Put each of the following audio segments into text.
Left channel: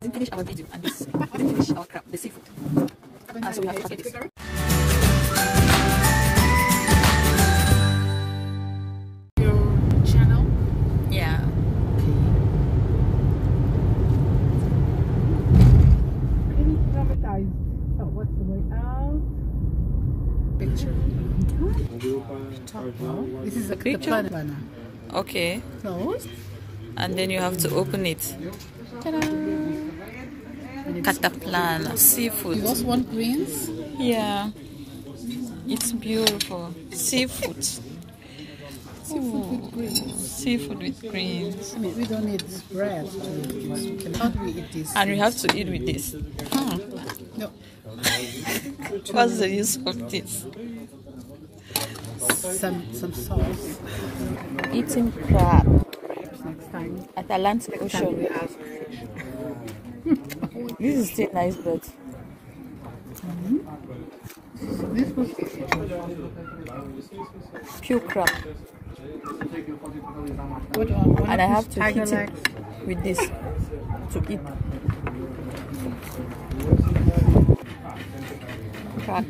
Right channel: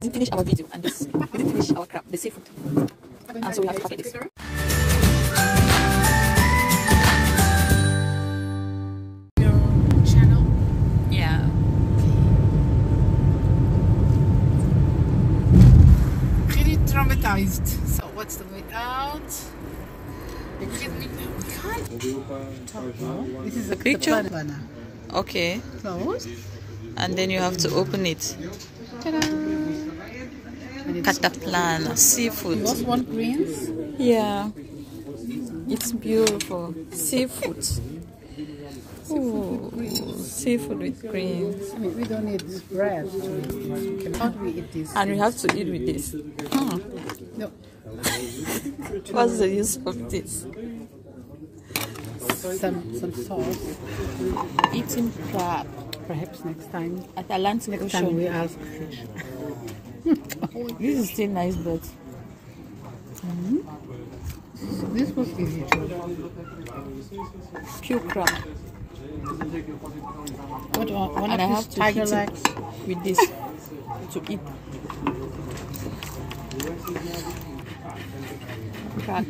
Didn't finish our video and this. We didn't finish our crab, the seafood. And so we have to packet this. Your channel? Yeah. Really traumatized. So what's the way out? We can't. This is a picture? Cataplana. Okay. Closed. And then you have to open it. Ta-da! Cataplana, seafood. You also want greens? Yeah. It's beautiful. Seafood. Seafood with greens. Seafood with greens. I mean, we don't need bread to eat this. We cannot eat this. And we have to eat with this. No. What's the use of this? Some salt. Eating crab Perhaps next time. at Atlantic Ocean. We ask fish. This is still nice, but This was easy too. pure crab. Put on one And of I have these to tiger hit legs. it with this to eat. Crab.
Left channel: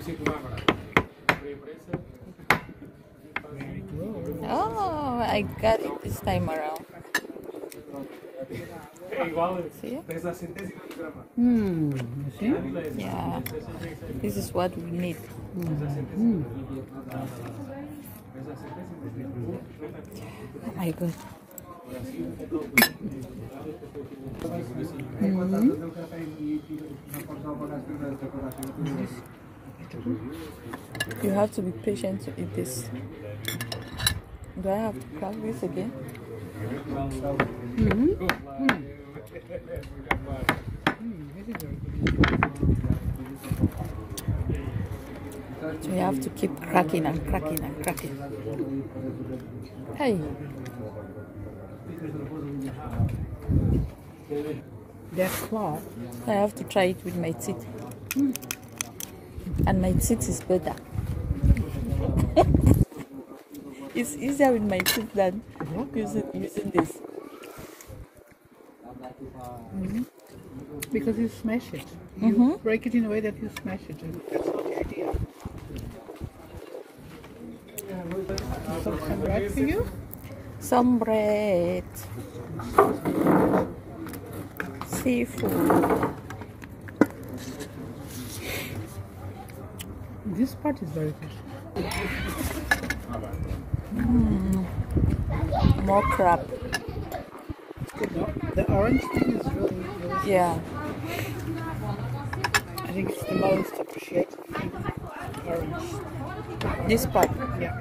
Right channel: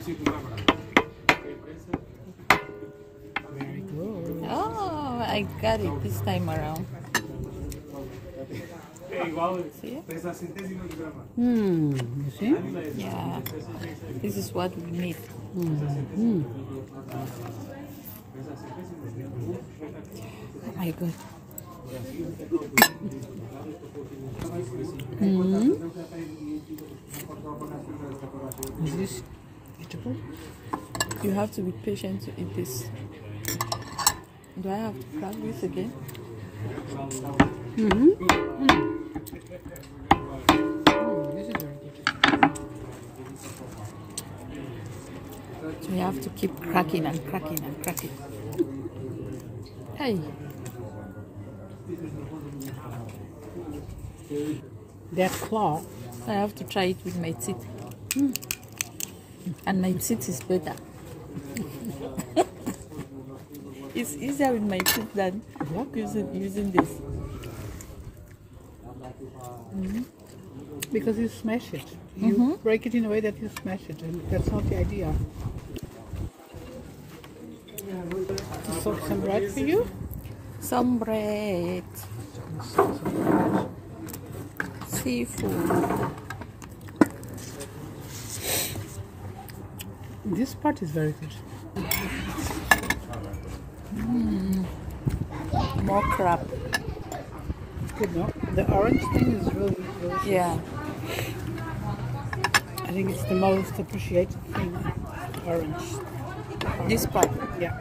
Oh, I got it this time around. See? You see? Yeah. This is what we need. Oh my god. Is this beautiful? You have to be patient to eat this. Do I have to crack this again? This is very good. So you have to keep cracking and cracking and cracking. Hey. That claw. I have to try it with my teeth. And my teeth is better. It's easier with my teeth than using this. Because you smash it. You break it in a way that you smash it, and that's not the idea. So some bread for you? Some bread. Seafood. This part is very good. More crab. It's good, no? The orange thing is really Yeah. I think it's the most appreciated thing. Orange. This part. Yeah.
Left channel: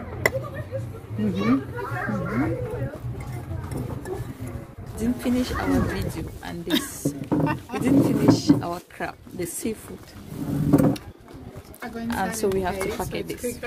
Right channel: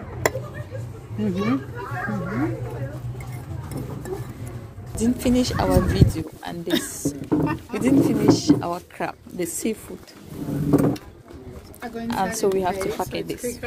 Didn't finish our video and this. We didn't finish our crab, the seafood. And so we have to packet this.